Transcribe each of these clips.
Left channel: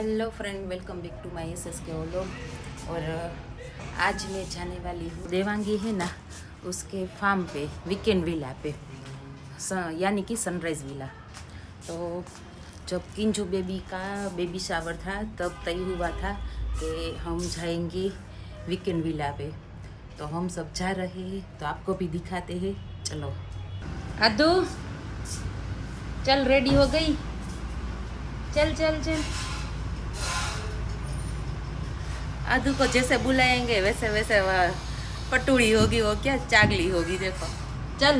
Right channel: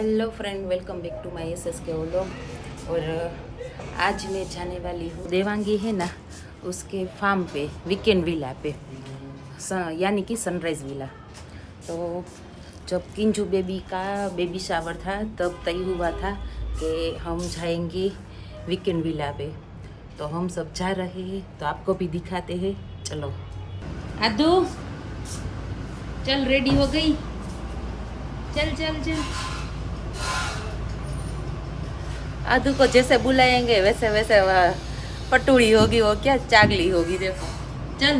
Hello friend, welcome back to my S K vlog. और आज मैं जाने वाली हूँ देवांगी है ना, उसके फार्म पे, वीकेंड विला पे, यानी कि सनराइज़ विला। तो जब किंजू बेबी का बेबी शावर था तब तय हुआ था कि हम जाएंगे वीकेंड विला पे। तो हम सब जा रहे हैं, तो आपको भी दिखाते हैं। चलो आदू, चल रेडी हो गई, चल चल चल। आदू को जैसे बुलाएंगे वैसे वैसे वह पटूड़ी होगी, वो क्या चागली होगी। देखो चल,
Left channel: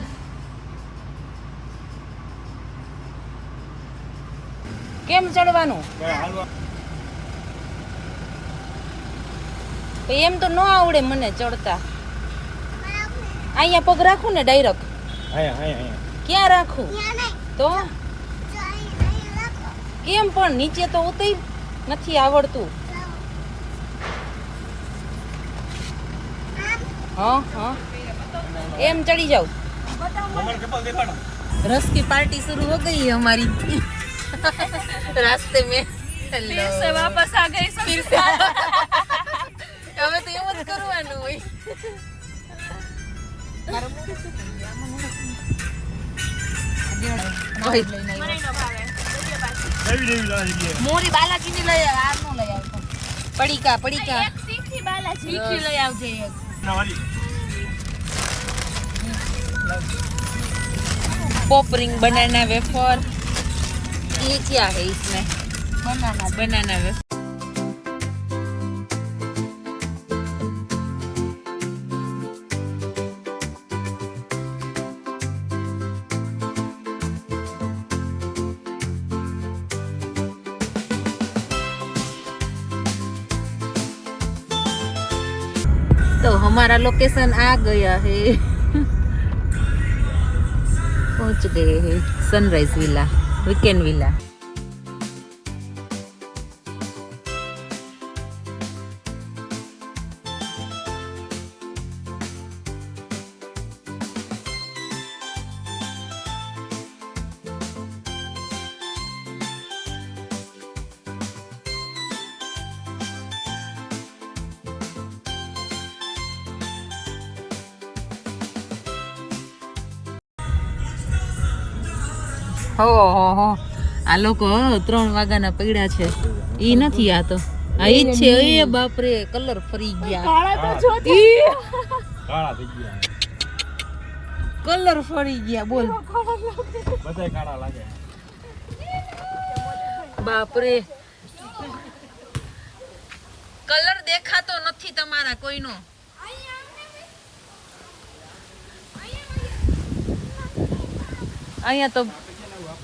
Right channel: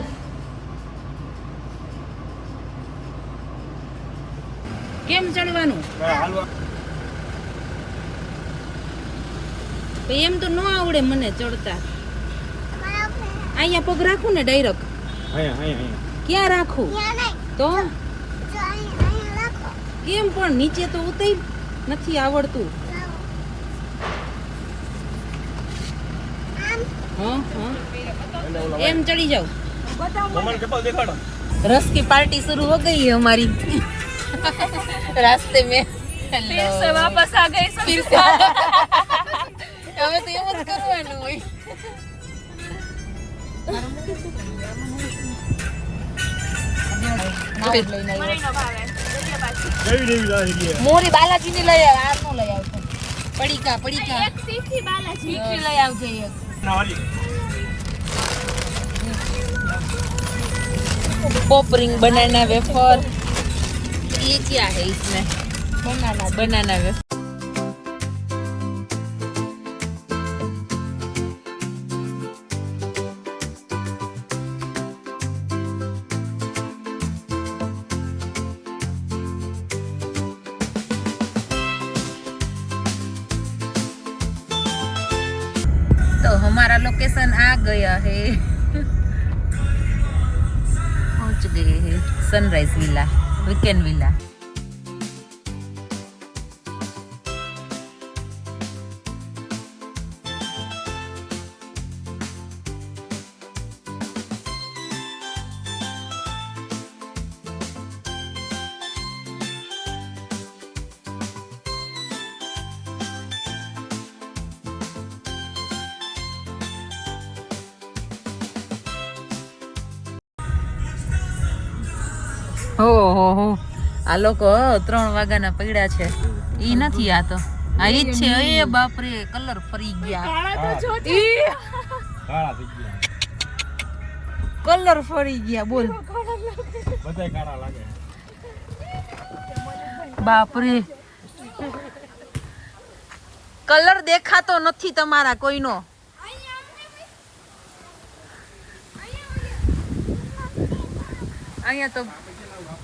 કેમ ચડવાનું? એમ તો ન આવડે મને ચડતા. અહીંયા પગ રાખું ને ડાયરેક્ટ? ક્યાં રાખું? તો કેમ પણ નીચે તો ઉતરી નથી આવડતું. हाँ हाँ एम चढ़ी जाओ। रस की पार्टी शुरू हो गई है हमारी रास्ते में। फिर से वापस आ गई फिर से हमें तो ये मत करवाना हुई। मोरी बालाजी ने लई आव, आर नो लई आव। पड़ीका पड़ीका एक सीखी बालाजी लई आवजे एक। पॉपरिंग बनाना वेफर, ये क्या है इसमें? बनाना वेफर। तो हमारा लोकेशन आ गया है, पहुंच गए हैं सनराइज विला, वीकेंड विला। हो આ લોકો 3 વાગ્યાના પડ્યા છે. ઈ નથી, આ તો આ ઈ જ છે. એ બાપ રે, કલર ફરી ગયા. કલર ફરી ગયા, બોલ. બાપ રે, કલર દેખાતો નથી તમારા કોઈનો. અહીંયા તો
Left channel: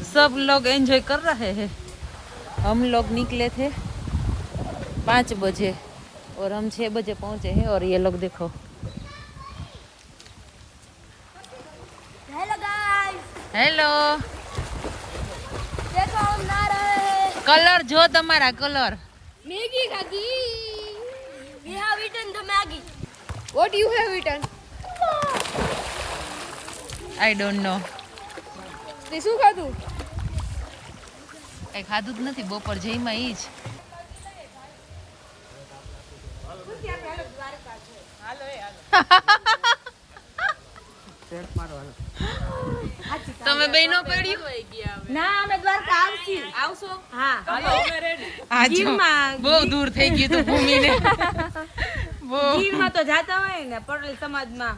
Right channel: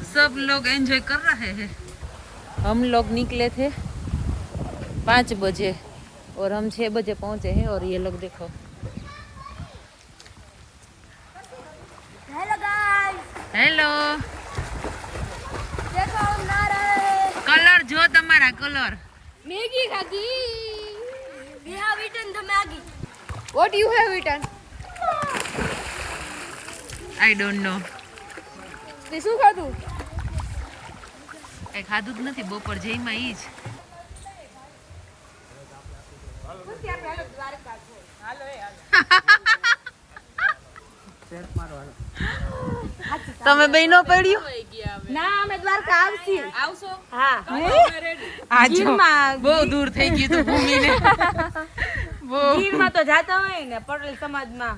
सब लोग एंजॉय कर रहे हैं। हम लोग निकले थे 5 बजे और हम 6 बजे पहुंचे हैं। और ये लोग देखो, हेलो गाइस, हेलो। देखो हम आ रहे हैं। कलर जो तमारा कलर। मैगी खागी। We have eaten the Maggi. What you have eaten? I don't know. તે શું ખાધું? કઈ ખાધું જ નથી. બપોર જઈમાં ઈ જ. તમે બે નો પડ્યું? ના, અમે દ્વારકા આવશો. હા, આજો બહુ દૂર થઈ ગયું તું ભૂમિને. બહુ ગીરમાં તો જાતા હોય ને પટેલ સમાજમાં.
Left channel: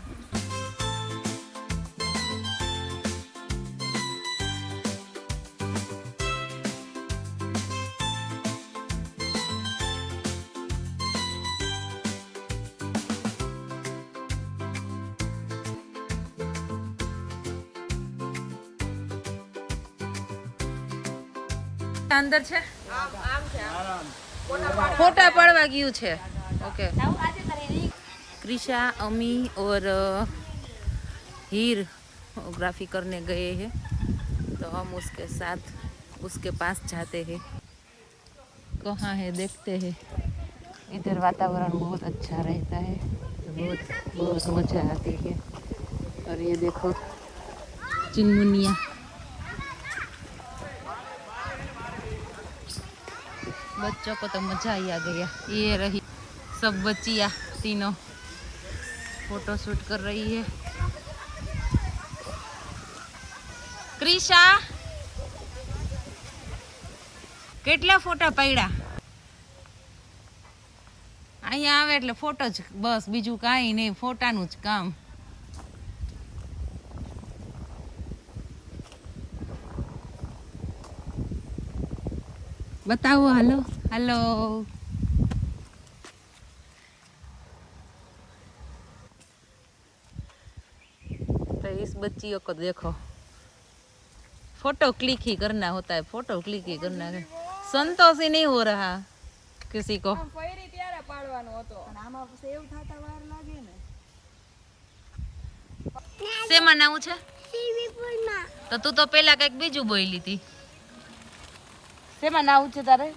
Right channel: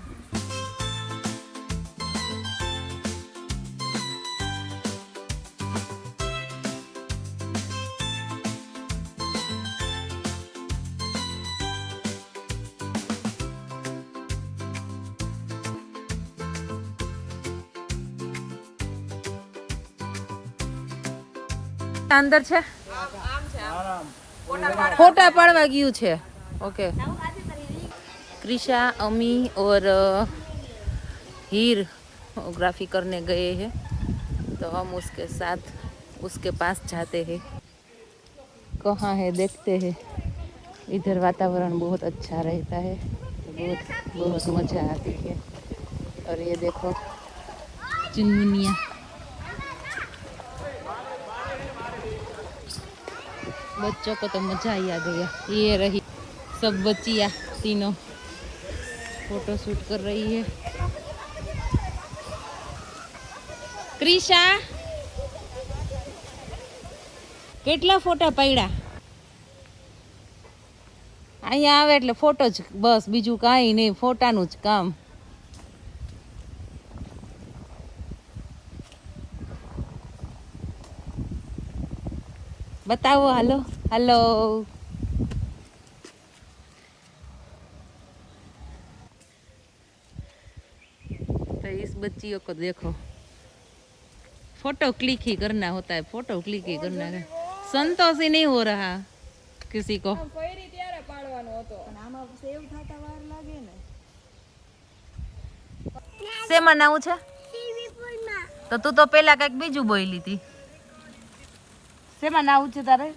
અંદર છે, ફોટા પાડવા ગયું છે. ओके, कृषा, अमी और हीर ग्राफी करने गए हैं, तो हम उसके साथ उसके पास जाते हैं। कहाँ है देखते हैं। इधर वातावरण बहुत अच्छा रहता है, तो बहुत मज़ा आती है। और ये देखो चुनमुनिया, बच्चों को तो मजा ही आ गया। ये रही सब बच्चियाँ तीनों फोटो शूट कर रही है। क्रिशा કેટલા ફોટા પડ્યા? અહીંયા આવે એટલે ફોટો જ બસ, બીજું કાંઈ નહીં, ફોટાનું જ કામ. बताओ हेलो हेलो। तो इस बच्चियों को देखो, फोटो क्लिक ही करना होता है, फोटो क्लिक ही करना है। संतोष ही नहीं हो रहा किसी को। શેમાં નાવું છે? તો તું તો પેલા કઈક બીજું બોલી હતી. શેમાં નાવું છે તારે?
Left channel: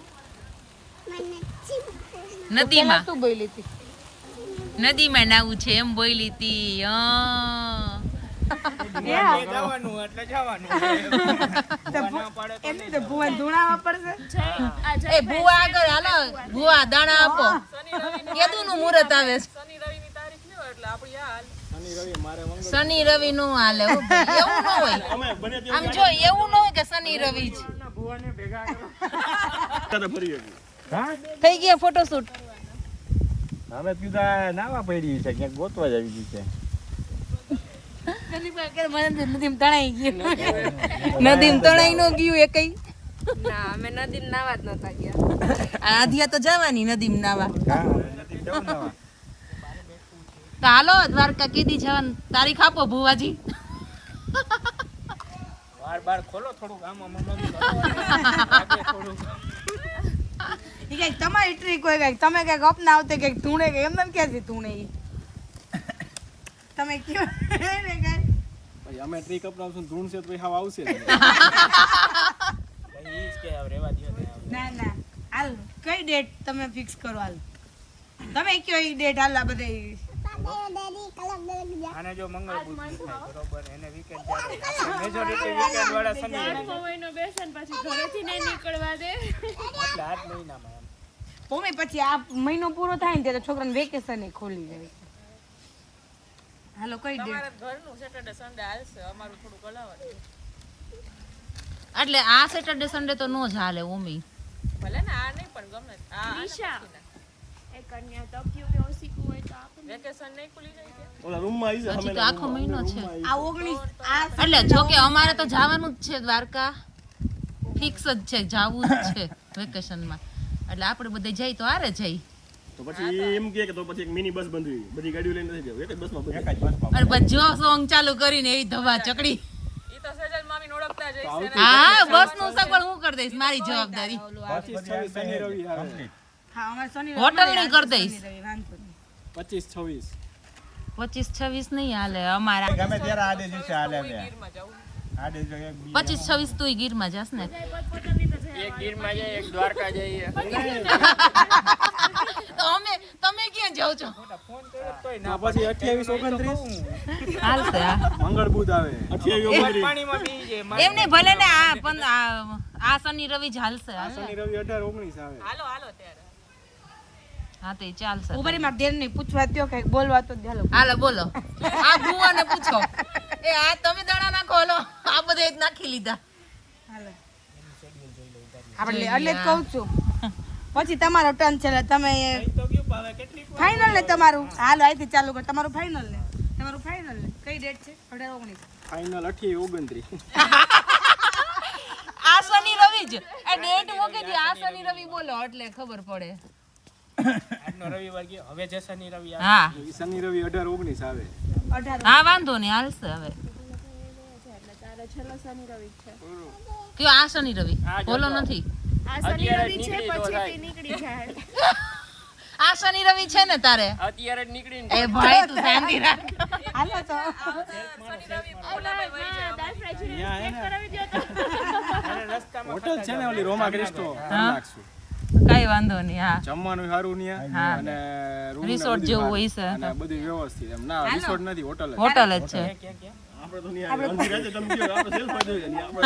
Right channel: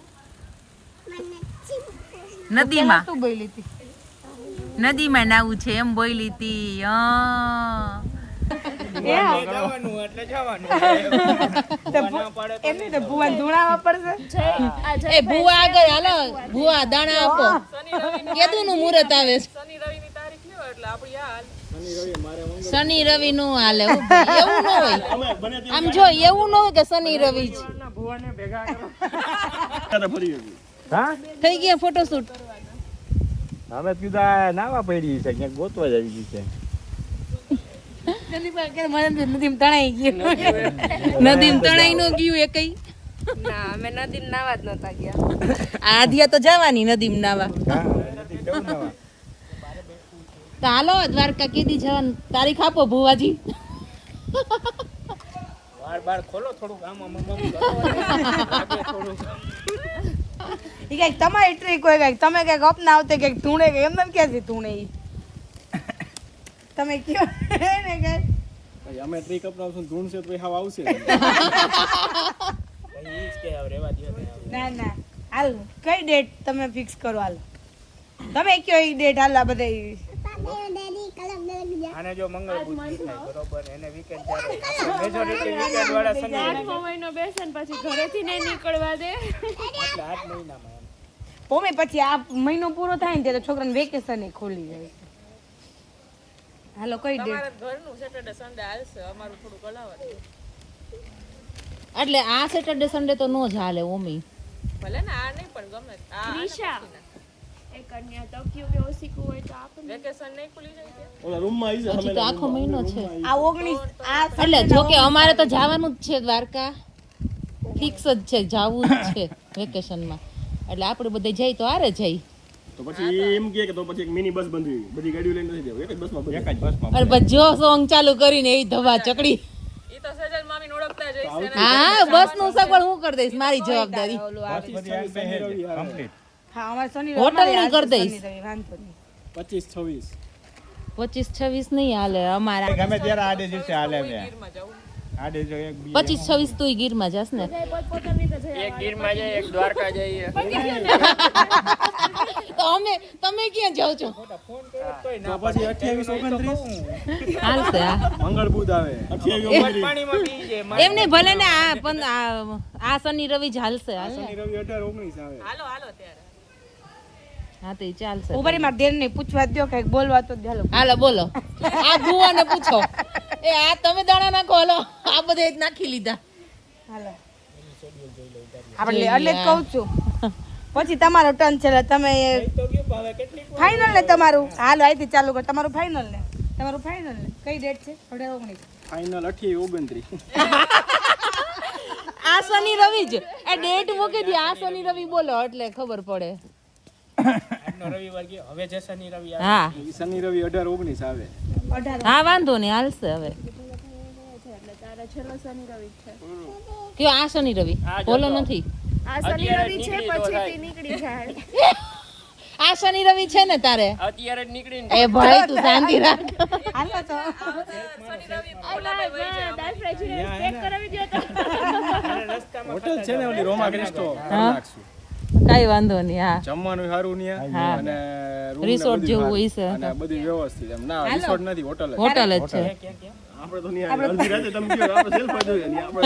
નદીમાં. તું બોલી હતી નદીમાં નાવું છે એમ બોલી હતી. ભૂવા આગળ હાલો, ભૂવા દાણા આપો. કેદું નું મુહૂર્ત આવે છે? શનિ રવિ નું હાલે. એવું ન હોય, આમ જો એવું ન હોય કે શનિ રવિ થઈ ગયા ફોટોશૂટ. હવે કીધા નાવા પડી છે, ક્યાંક ગોતવા જ આવી ગઈ છે. નદીમ તણાઈ ન ગયું એ કઈ. ના, અમે નદીમ નાવા જ નતા ગયા. આધિયા તો જવાની નદીમ નાવા. તો હાલો દ્વારકા કીધી જવાનું. તારીખ આપો ભુવાજી. બાર ખોલો થોડુંક આમ થોડુંક. ઈ કઈક તમારી ટ્રીક હોય, કઈક તમે કઈક અપનાવતે કઈક ધૂણે કે એમ ક્યાંથી ધૂણે ઈ તમે કયો ને કઈ ભાઈ અમે ટ્રીક અપનાવશું ધૂણશે તો હાવ આવશે. ભાઈ ઈ જ કે હવે રેવા દો. ના ના હાલ કઈ ડેટ તમે ફિક્સ કરો? હાલ તમે કયો ઈ ડેટ હાલ આ બધે. આને જો મંગળ બુધ થાય બરોબર, એને વીકેન્ડ ત્યારે મેજોરિટી વીકેન્ડ વાળા શનિ મહિનો બેસન પછી ઘરેથી નહીં નીકળવા દે. એટલે આજ મહિનામાં એમ પોમે પછી આ મહિનો પૂરો થાય ને ત્યારે છોકરાને વેકેશન ખોલી જાય છે. હાલો કઈ ડેટ? ઘરનું સેટરડે સન્ડે હાલશે, અમારું થોડું કલાવર. એટલે આ સેટરડે સન્ડે તો નો જ હાલે ઓમી. ભલે ને આ નહીં પણ ગમે. આ એક કન્યા તક્યું કે ઓસીકું હોય તો આપણે વેકેશન નહીં ખુલી જાય કે ઓલા રૂમમાં આવી જાય. હજી તો આખો મહિનો છે. આ 19 આ એટલે જો કે અમારે તો જવાનું જ છે દ્વારકા, ફિક્સ જ છે, જવું જ છે વેકેશનમાં. એટલે આપણે બધે જઈ તો આરે જઈ. તો પછી એમ કે તો પછી એક મિની બસ બંધી બધી ગાડીઓ લઈને નથી જવું, એક જ બસમાં એક જ બસમાં. અને પછી જો સોંગ ચાલુ કરીને એ ધવા ચકડી. ઈ તો સેજલ મામીને ઓળખતા જ હશે ને. હા બસ નું સગવડ હું કરી દઈશ, મારી જવાબદારી. શનિ રવિ આવે. હા અમાર શનિ હોટલ નું કરી દઈશ. 25-26 25-26 નહીં હાલે અમારા. ગમે ત્યારે આડે દિવસે હાલે છે. ગીરમાં જાવું. આડે જો એક 25-26 તું ગીરમાં જાસ ને? એક ગીરમાં જાય, એક દ્વારકા જઈએ. તો અમે તમે ક્યાં જાવ છો? ફોન કર્યો તોય ના. પછી 28-29 હાલશે. મંગળ બુધ આવે. 28-29 પાણીમાં પી જાય. એમને ભલે ને આ પણ આ શનિ રવિ જ હાલશે. શનિ રવિ 18-19 આવે. હાલો હાલો ત્યારે. હા તો ઈ ચાલશે. ઉભરી માં દેર ને પૂછવા દયો કઈક બોલવા તો દે. હાલો બોલો. આ ભુવાને પૂછો. એ આ તમે દાણા નાખો. હાલો આ બધે જ નાખી લીધા. હાલો આપણે એટલે જ કહું છું પછી તમારો ટર્ન છે એટલે તમે ફાઇનલ ને તમારું. હાલો અહીંથી ચાલુ કર. તમારું ફાઇનલ ને કઈ ડેટ છે? 18-19 ફાઇનલ 28-29. આ શનિ રવિ જ આ ડેટ મૂકી દી. આ શનિ રવિ બોલો એટલે ખબર પડે. આજનો રવિવાર ગયો, હવે જે શનિ રવિ આવે. હા ઈ શનિ રવિ 18-19 આવે. 18 હા વાંધો નહીં હાલશે. હવે એટલે તારે છેલ્લો શનિ રવિ છે. કયો આ શનિ રવિ? બોલો નથી. આ શનિ રવિ છે પછી તે નીકળી જાય. આ શનિ રવિ છે ને તારે? અત્યારે જ નીકળીને એ ભાઈ તું શાંતિ રાખ. હાલો તો હોટલ છે ને ઓલી રોમા ક્રિસ્ટો રાખશું. કઈ વાંધો નહીં. હા જમવાનું સારું ન્યા અને રૂમ રિસોર્ટ જેવું હોય છે. અને બધું વ્યવસ્થિત. એમ ના રિસોર્ટ નથી, હોટલ જ. હોટલ જ છે. આપણે તો નહીં આવે. અંધી રાતે તમે કહો આપણે સેલ્ફ જ જોઈએ. આપણે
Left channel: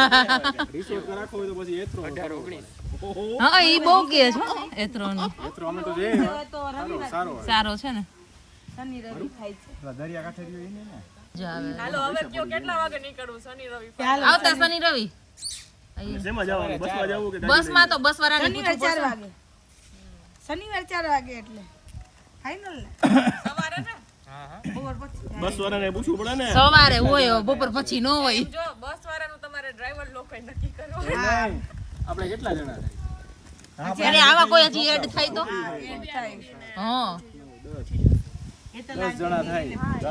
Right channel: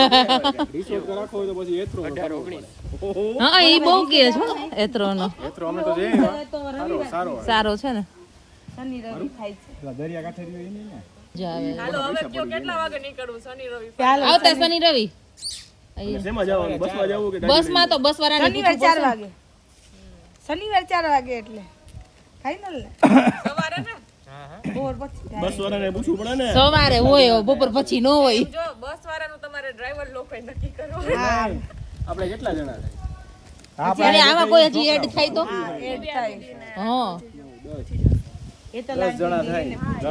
રિસોર્ટ રાખવો હોય તો પછી એથરો 18 19. હા એ બહુ કે છે એત્રોનો એથરો અમે તો જઈએ સારો સારો છે ને શનિ રવિ થાય છે દરિયા કાંઠે રહ્યો ને. જો આવે હાલો હવે કયો કેટલા વાગે નીકળવું શનિ રવિ આવતા શનિ રવિ શેમાં જવાનું? બસમાં જવું કે બસમાં તો બસ વાળાને શનિવાર 4 વાગે શનિવાર 4 વાગે એટલે ફાઇનલ ને સવારે ને બોર પછી થાય. બસ વાળાને પૂછવું પડે ને. સવારે હોય બપોર પછી ન હોય જો બસ વાળાનું તમારે ડ્રાઈવર લોકોએ નક્કી કરવું આપણે કેટલા જણા થાય? ત્યારે આવા કોઈ હજી એડ થાય તો એડ થાય હા એ તો 10 જણા થાય. તો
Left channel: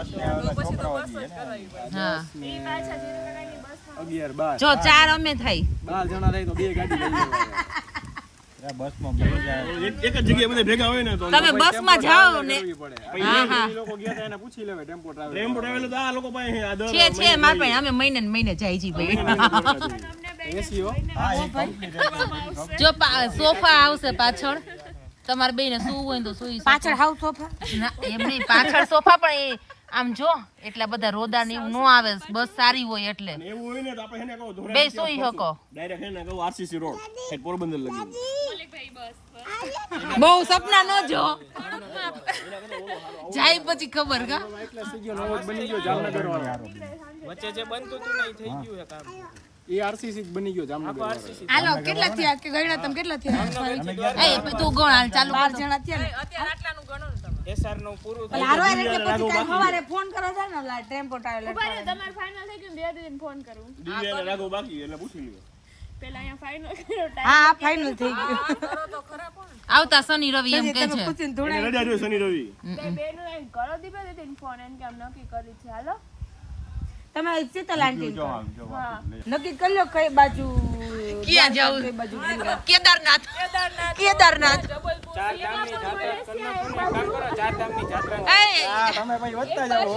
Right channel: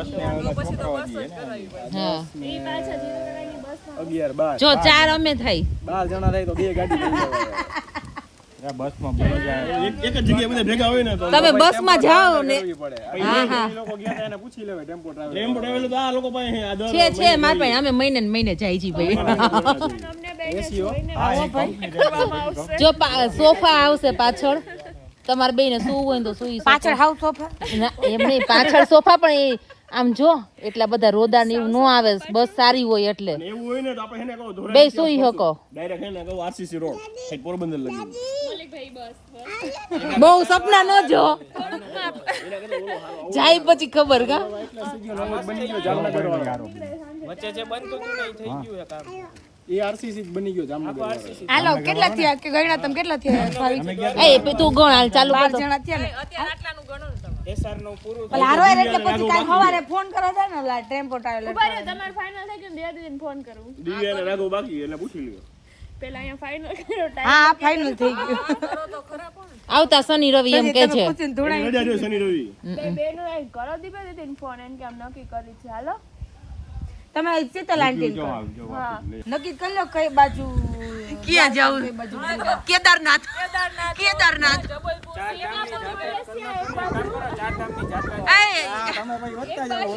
પછી તો બસ જ કરાવી પડે હા 11 12 જો 4 અમે થાય 12 જણા થાય તો 2 ગાડી લઈ જવાય. બસમાં એક જ જગ્યાએ બધા ભેગા હોય ને તો તમે બસમાં જાઓ ને કરવી પડે. એ લોકો ગયા હતા એને પૂછી લેવાય ટેમ્પો ટ્રાવેલ તો આ લોકો પાસે આ દર છે માર પાસે અમે મહિને ને મહિને જાય છી ભાઈ એસી હો. જો સોફા આવશે પાછળ તમારે બેને સુવું હોય ને તો સુઈ શકો. પાછળ હાઉસ સોફા ના, એમ નહીં પાછળ સોફા પણ એ આમ જો એટલા બધા રોદા ને એવું ન આવે બસ સારી હોય એટલે એવું હોય ને તો આપણે એને કહો ધોરણ બે સુઈ શકો ડાયરેક્ટ એને કહો આરસીસી રોડ સાઈડ પોરબંદર લગી. બહુ સપના ન જો જાય પછી ખબર કા એટલે સીગીઓ નવો જ બની ગયો જામનગર વાળો. વચ્ચે જે બનતું હતું ને એ થઈ ગયું છે કામ. એ આરસીસી બની ગયો જામનગર વાળો. હાલો કેટલા થયા કે ગણ્યા તમે કેટલા થયા એ તું ગણ હાલ ચાલુ 12 જણા થયા ને અત્યારે આટલાનું ગણો ને તમે એસઆર નું પૂરું પણ હારો એટલે પછી કાલ સવારે ફોન કરો છે ને ઓલા ટેમ્પો ટ્રાવેલર તમારે ફાઇનલ થઈ ગયું બે દિન ફોન કરું દિવ્યાને રાગો બાકી એને પૂછી લ્યો. પેલા અહીંયા ફાઇનલ કર્યો હા ફાઇનલ થઈ ગયું કરો તો ખરા પણ આવતા શનિ રવિ એમ કે છે પૂછીને એને ધોળાઈ રજા જોઈએ શનિ રવિ. બેનો એક કરો દીપે દીધી ફોન એમ કે આમ નક્કી કરી છે હાલો તમે શીતલ આંટી કરો હા નક્કી કરી લો કઈ બાજુ ક્યાં જાવું કેદારનાથ કેદારનાથ તમે ભાઈ વધતા જાઓ.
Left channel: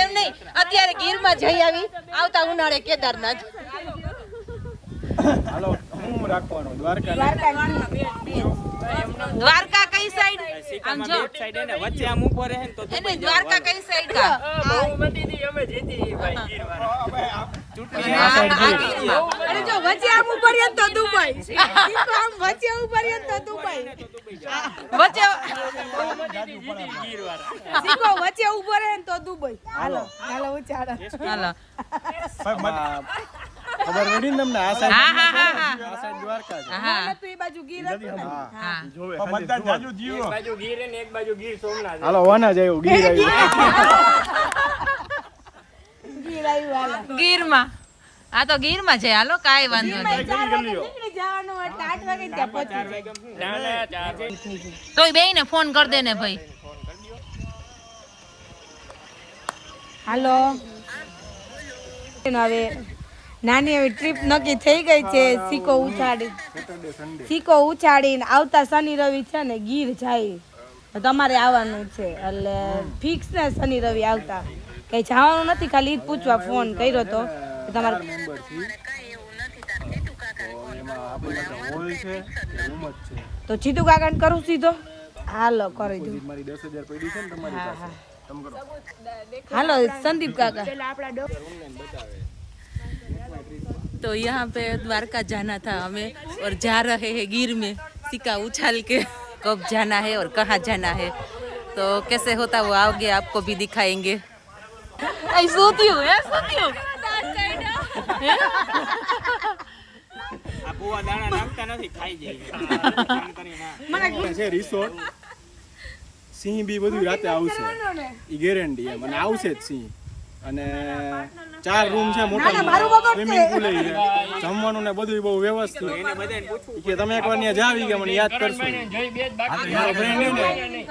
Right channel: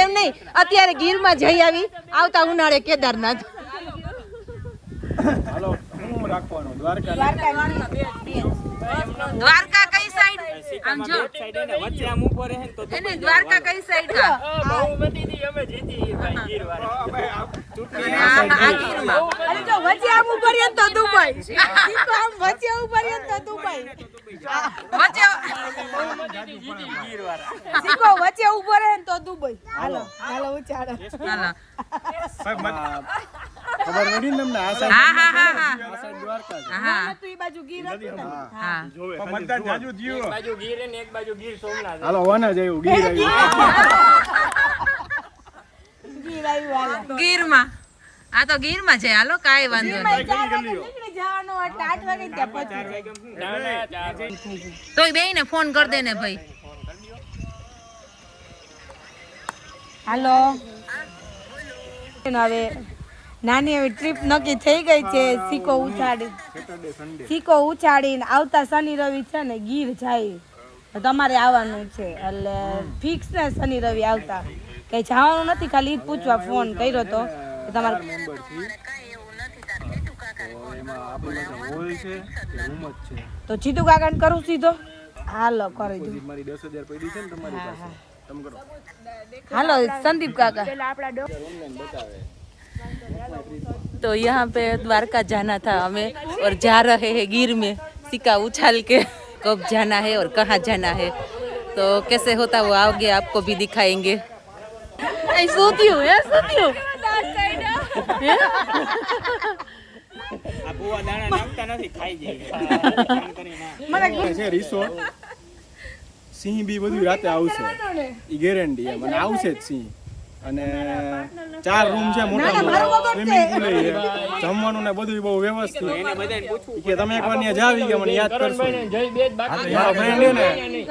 એમ નહીં અત્યારે ગીરમાં જઈ આવી આવતા ઉનાળે કેદારનાથ હાલો હું રાખવાનો દ્વારકા ને દ્વારકા કઈ સાઈડ આમ જો સાઈડ એને વચ્ચે આમ ઉપર રહે ને તો એને દ્વારકા કઈ સાઈડ કા અને આ ગીરમાં અરે જો વચ્ચે આમ ઉપર રહે તો દુબઈ સીધો આમ વચ્ચે ઉપર રહે તો દુબઈ વચ્ચે સીધો વચ્ચે ઉપર રહે તો દુબઈ હાલો હાલો ઉચાડો હાલો ખબર પડી ને તમને આ હા સાઈડ હા હા હા આ સાઈડ દ્વારકા છે. હા તું એ બાજુ ગીર હતી ને હા એક બાજુ ગીર ને એક બાજુ ગીર સોમનાથ. હાલો વાના જાય ગીર આવ્યું. ગીરમાં આ તો ગીરમાં છે હાલો કાંઈ વાંધો નહીં નીકળી જવાનું એટલે 8 વાગે ત્યાં પહોંચી જાય ના ના ચાર તોય બેયને ફોન કરી દે ને ભાઈ હાલો હવે નાની એવી ટ્રીપ નક્કી થઈ ગઈ છે સિક્કો ઉછાડીને આવતા શનિ રવિ છે ને ગીર જાય તો તમારે આવવાનું છે એટલે ફિક્સ ને શનિ રવિ આવતા કઈ જવાનું નથી ખાલી ઈ જ પૂછવા ફોન કર્યો તો કે તમારે તો જીતુ કાકાને કરું સીધો હાલો કરી દો હા હા હાલો संदीप काका तो यहाँ पे द्वारका जाना था हमें और जा रहे हैं गिर में सिक्का उछाल के कब जाना है और कहाँ जाना है तो कैसे होता वो आगे आपको भी दिखाएंगे सोती हूँ આ બુવા દાણા નાખતા નથી ખાઈ જાય છે રિસોર્ટ સિંહ બી બધું રાતે આવશે ઈ ગેરંટી એમ અને આવશે જ સિંહ અને 4 રૂમ છે મોટા મોટા સ્વિમિંગ પુલ છે જમવાનું ને બધું બહુ વ્યવસ્થિત એને બધાને પૂછવું કે તમે એકવાર ત્યાં જાવી કે મને યાદ કરશો મારો ફ્રેન્ડ છે ને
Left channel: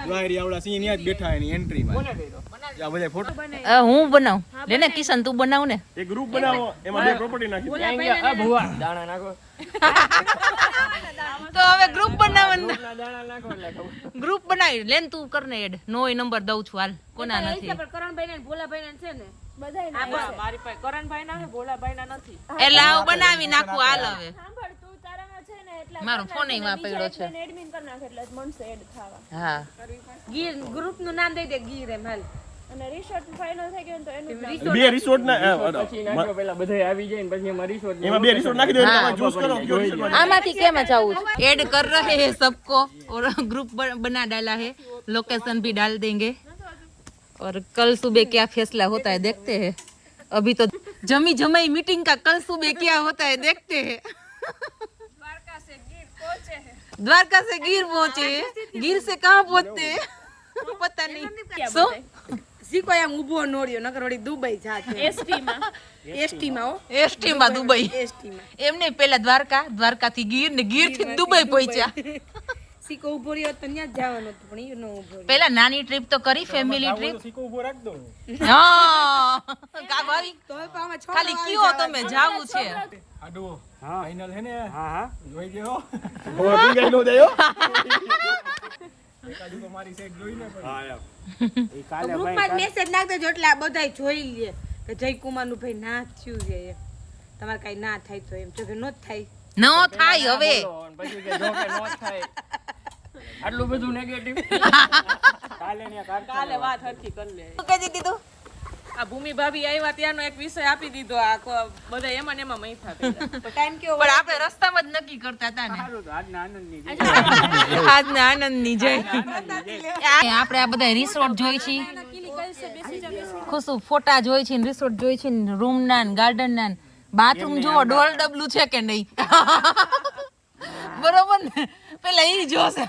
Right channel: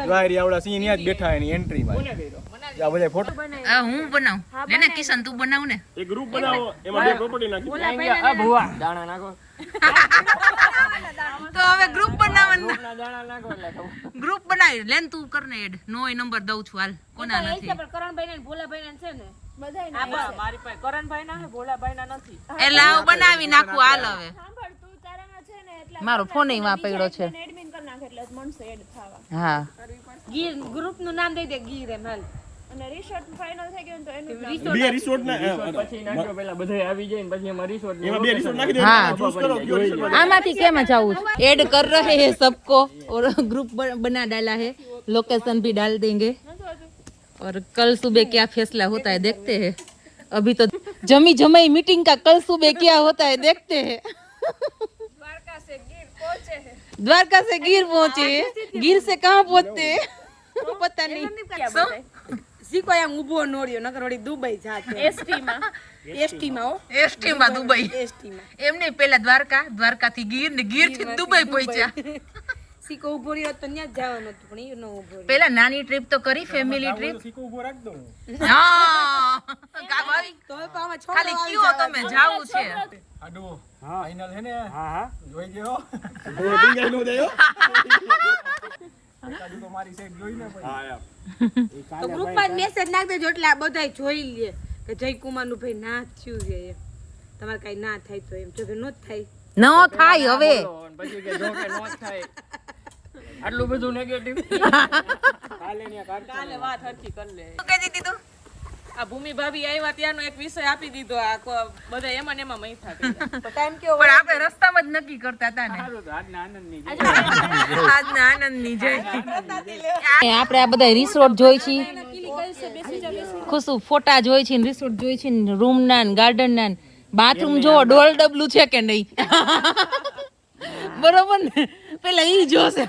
વાયરી આવડા સિંહ ત્યાં જ બેઠા એની એન્ટ્રીમાં આ બધા ફોટો હું બનાવું લે ને કિશન તું બનાવ ને એક ગ્રુપ બનાવો એમાં પ્રોપર્ટી નાખી આ ભુવા દાણા નાખો તો હવે ગ્રુપ બનાવવાનું ગ્રુપ બનાવી લેન તું કરને એડ નો નંબર દઉં છું હાલ કોના નથી મારી પાસે કરણભાઈ ના છે ભોલાભાઈ ના નથી એટલે આવ બનાવી નાખું હાલ હવે મારો ફોન માં પડ્યો છે એડમિન કરી નાખે એટલે મનસે એડ થવા હા ગીર ગ્રુપ નું નામ દઈ દે ગીર એમ હાલ બે રિસોર્ટ ના પેલા બધા આવી જાય ને પછી એમાં રિસોર્ટ એમાં બે રિસોર્ટ નાખી દો તમે choose કરો જોઈ લો आगे क्या में जाऊँ ऐड कर रहे हैं सबको और ग्रुप बना डाला है लोकेशन भी डाल देंगे और कल सुबह क्या फैसला होता है देखते हैं अभी तो जमी जमाई मीटिंग का कल सुबह क्या होता है देखते हैं द्वारका से गिर पहुंचे गिर से कहाँ पहुंचते हैं पता नहीं શીખો એમ ઊભો નોર્યો નકર વળી દુબઈ જાતે એસટીમાં હો એસટીમાં દુબઈ એસટીમાં એમ નહીં પેલા દ્વારકાથી ગીર ને ગીર થી દુબઈ પહોંચ્યા શીખો ઊભો રહ્યો તો ત્યાં જ જવાનું હતું પણ એ નો ઊભો રહ્યો પેલા નાની ટ્રીપ તો કરી ફેમિલી ટ્રીપ સીકો ઉભો રાખ દો હા કા ભાઈ તો અમે છોકરા ખાલી કયો તમે જાવું છે આડો હા ફાઇનલ હે ને હા જોઈ ગયો ઓ ડિંગલ નો દેયો કાજુ તો મારી સાઈડ જોઈ ને હા યાર એ કાલે ગ્રુપમાં મેસેજ નાખ દેજો એટલે આ બધાય જોઈ લે કે જયકુમાર નું ભાઈ ના થયું છે એમ તમારે કઈ ના થાય તો એમ જો કે નો થાય ન થાય હવે પછી કે જો કે નો થાય આટલું બધું નેગેટિવ કાલે વાત હરખી કરી લે શું કહી દીધું આ ભૂમિ ભાભી આવ્યા ત્યાંનો એક વિષય આપી દીધો આ બધા એમાં ને એમાં મૈથા કર્યા તો ટાઈમ કેવો પણ આપણે રસ્તામાં જ નક્કી કરતા હતા ને આજના આનંદની આજના આનંદની જય આપણે આ બધા રિસોર્ટ જોઈ છે ખુશું ફોટા જોઈ છે ને રિસોર્ટ જોઈ છે ને રૂમ ના ને ગાર્ડન ના ને બાથરૂમ જો ડોલ ડબલું છે કે નહીં બરોબર ને પેલા ઈ જોશે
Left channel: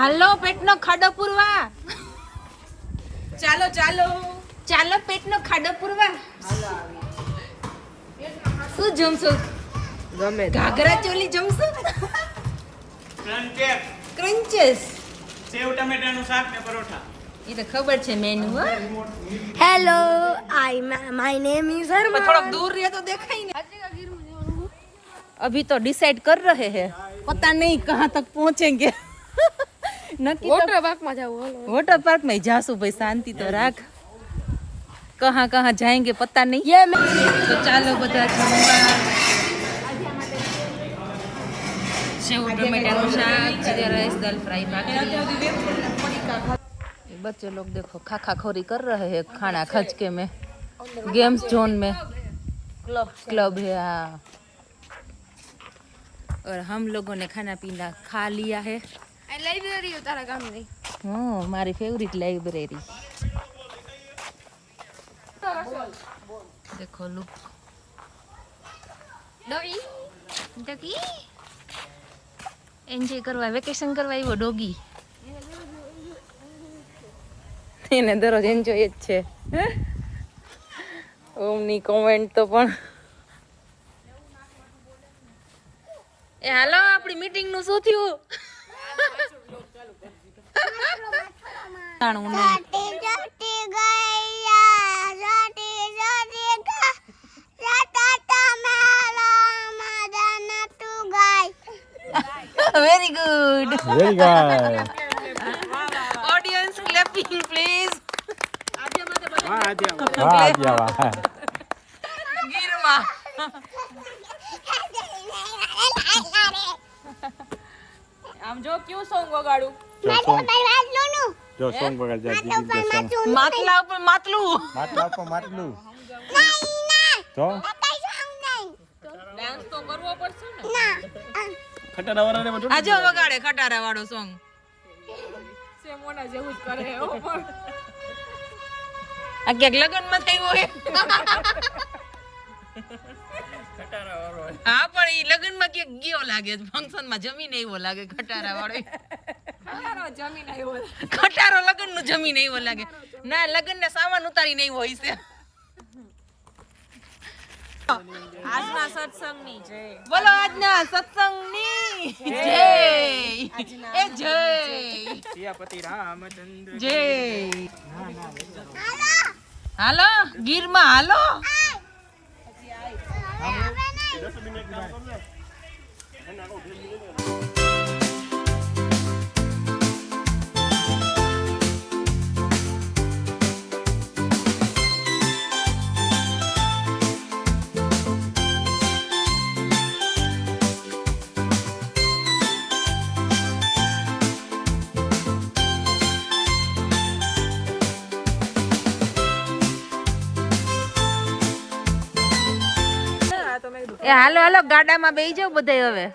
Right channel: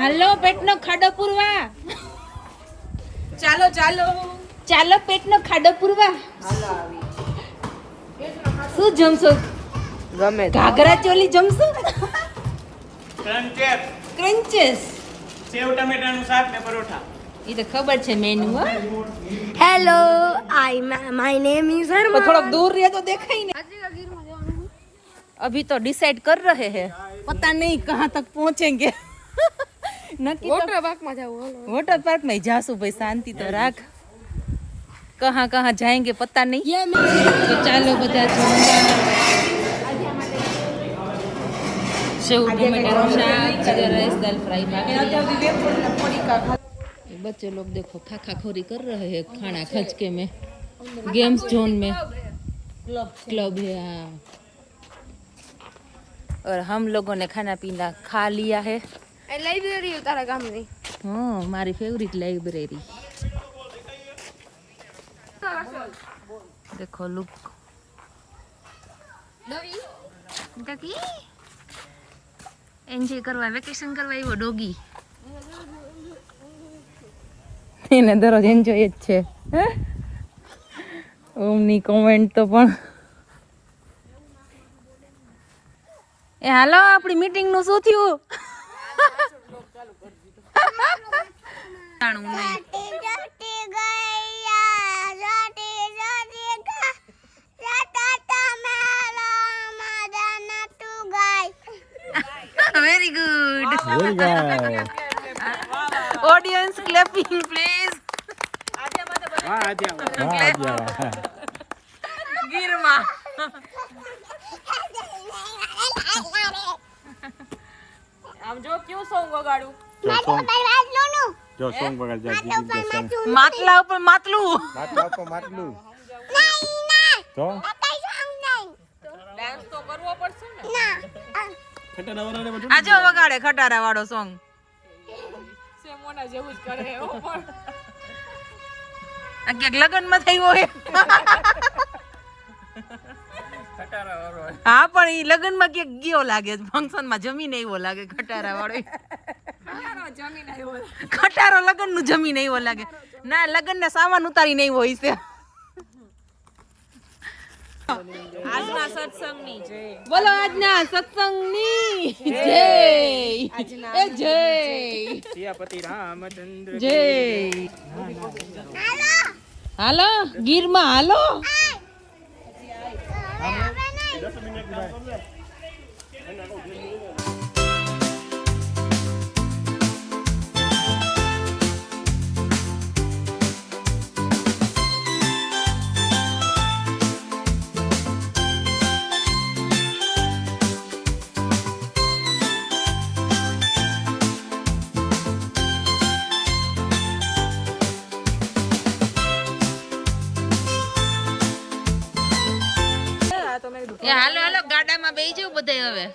હાલો પેટનો ખાડો પૂરવા ચાલો ચાલો ચાલો પેટનો ખાડો પૂરવા શું જમશો ગમે ઘાઘરા ચોલી જમશો ક્રંચેસ ક્રંચેસ સેવ ટમેટાનું શાક ને પરોઠા એ તો ખબર છે મેનુ હો Hello, my name is Arman. થોડોક દૂર રહે તો દેખાય ને अभी तो डिसाइड कर रहे हैं पता नहीं कहाँ तक पहुँचेंगे नक्की Water park માં જાવું હાલો. वाटर पार्क में जासू भाई शांति तो राख कहाँ कहाँ जाएंगे पता नहीं तो चालो बता सेव टमाटर शाक जीरा राइस दाल फ्राई भाकरी बच्चे लोग देखो खाखा खोरी कर रहे हैं खाना खचके में गेम्स जोन में क्लब है हाँ और हम लोगों ने खाना पीना खा लिया है લાઇબ્રેરી તારા ગામની. મારી ફેવરિટ લાइब्रेरी देखो लुक डॉगी एन्जॉय करवा वेकेशन करवा આવ્યો ડોગી એને દરરોજ એન્જોય જ છે ઓમની કોમેન્ટ તો પણ એ હાલો આપણી મીટિંગ નું શું થયું Very good. Very good Audience clapping, please. વાહ આદ્યા વાહ આદ્યા વાહ ગીરમાં આમ જો ક્યું સોંગ વગાડું જો સોંગ વગાડ જા દીદી સોંગ માટલા ઉપર માટલું માટલું તો ખટારા વાળાને બધું આ જો વગાડે ખટારા વાળો સોંગ સેમોના જેવું જ કરે આ ક્યાંક લગ્નમાં થયું હોય હા પણ ઈ લગ્નમાં ક્યાંક ગયો લાગે ફંક્શનમાં જમીને એવો લાગે ખટારા વાળો ખટારો લગ્ન નું જમીને એવો લાગે ના લગ્ન ને સામાન ઉતારીને એવો હોય છે આજના સત્સંગની જય બોલો આજના સત્સંગની જય એ જય સિયાપતિ રામચંદ્ર જય હાલો ગીરમાં હાલો 10 મિનિટ એ હાલો હાલો ગાડામાં બેસી જાવ બધાય હવે.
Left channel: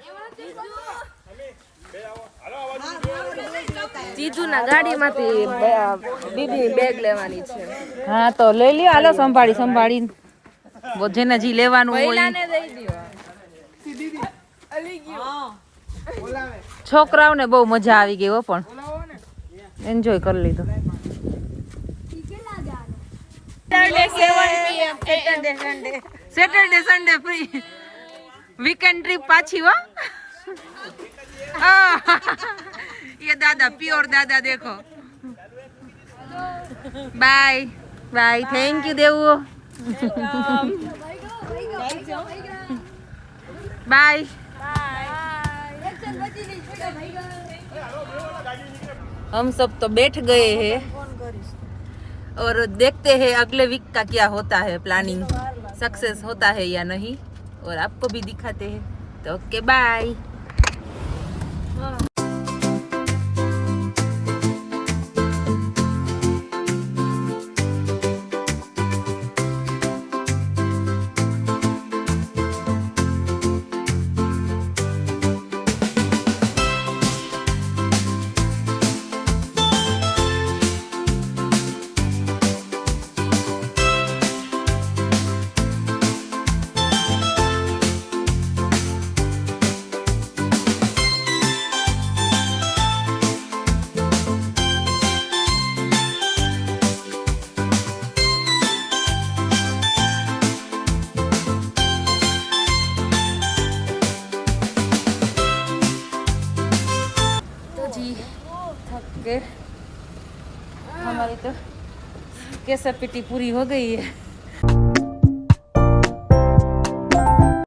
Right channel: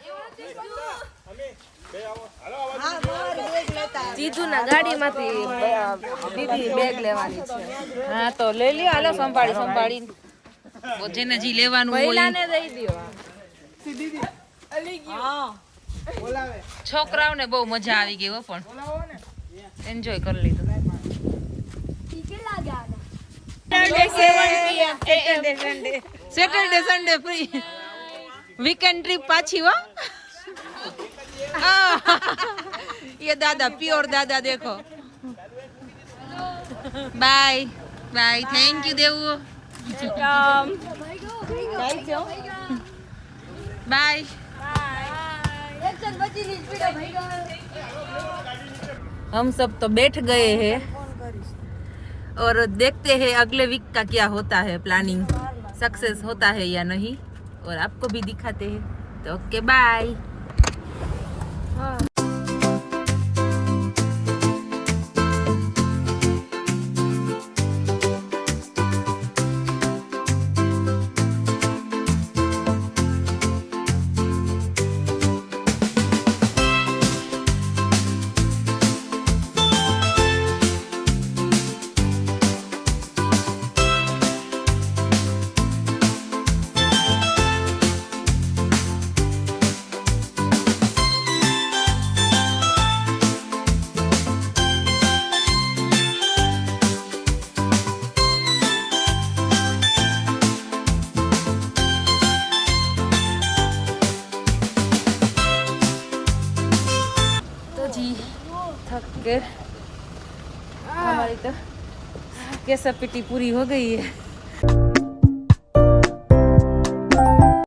જીજુના ગાડીમાંથી દીદી બેગ લેવાની છે. હા તો લઈ લ્યો હાલો સંભાળી સંભાળી જેને જી લેવાનું હોય પહેલાને દઈ દ્યો. છોકરાઓને બહુ મજા આવી ગઈ હો પણ એન્જોય કરી લીધું. Saturday Sunday free weekend trip पाछी हो. ये दादा प्योर दादा देखो. बाय बाय थैंक यू देवू. बाय. हम सब तो बैठ गए हैं और देखते हैं अगले वीक का क्या होता है, प्लानिंग सक्सेस होता है या नहीं, और आपको भी दिखाते हैं. तो ओके बाय. हमारी तो कैसा पिटी पूरी हो गई है.